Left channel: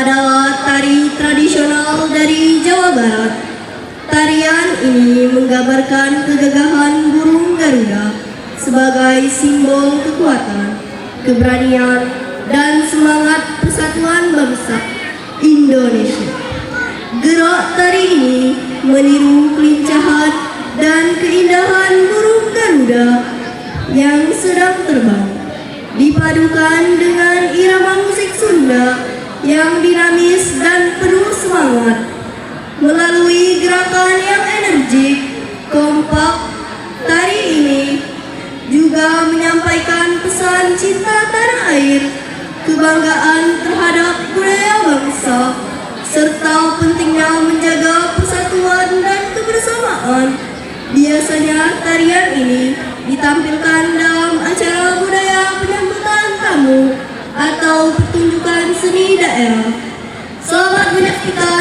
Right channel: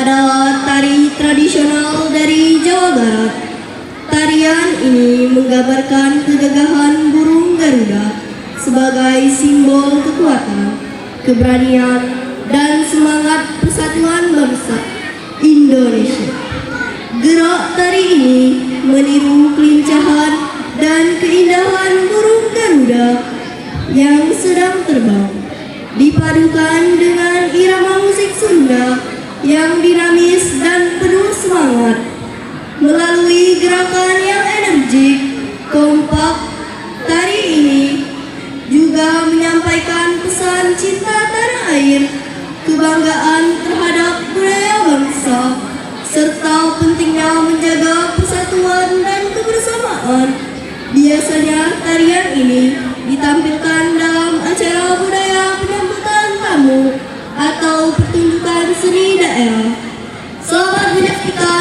adalah tari tradisional dari Jawa Barat. Tarian ini menggambarkan kegagahan burung Garuda sebagai simbol kekuatan, keberanian, dan semangat persatuan bangsa Indonesia. Gerak tari ini meniru kelincahan dan keindahan burung Garuda yang sedang terbang, dipadukan dengan irama musik Sunda yang dinamis dan penuh semangat. Melalui gerakan yang energik, kompak, tari ini juga menyampaikan pesan cinta tanah air, kebanggaan terhadap budaya bangsa, serta pentingnya menjaga persatuan dan kebersamaan. Biasanya tarian ini ditampilkan dalam acara budaya penyambutan tamu atau pertunjukan seni daerah. Selamat menyaksikan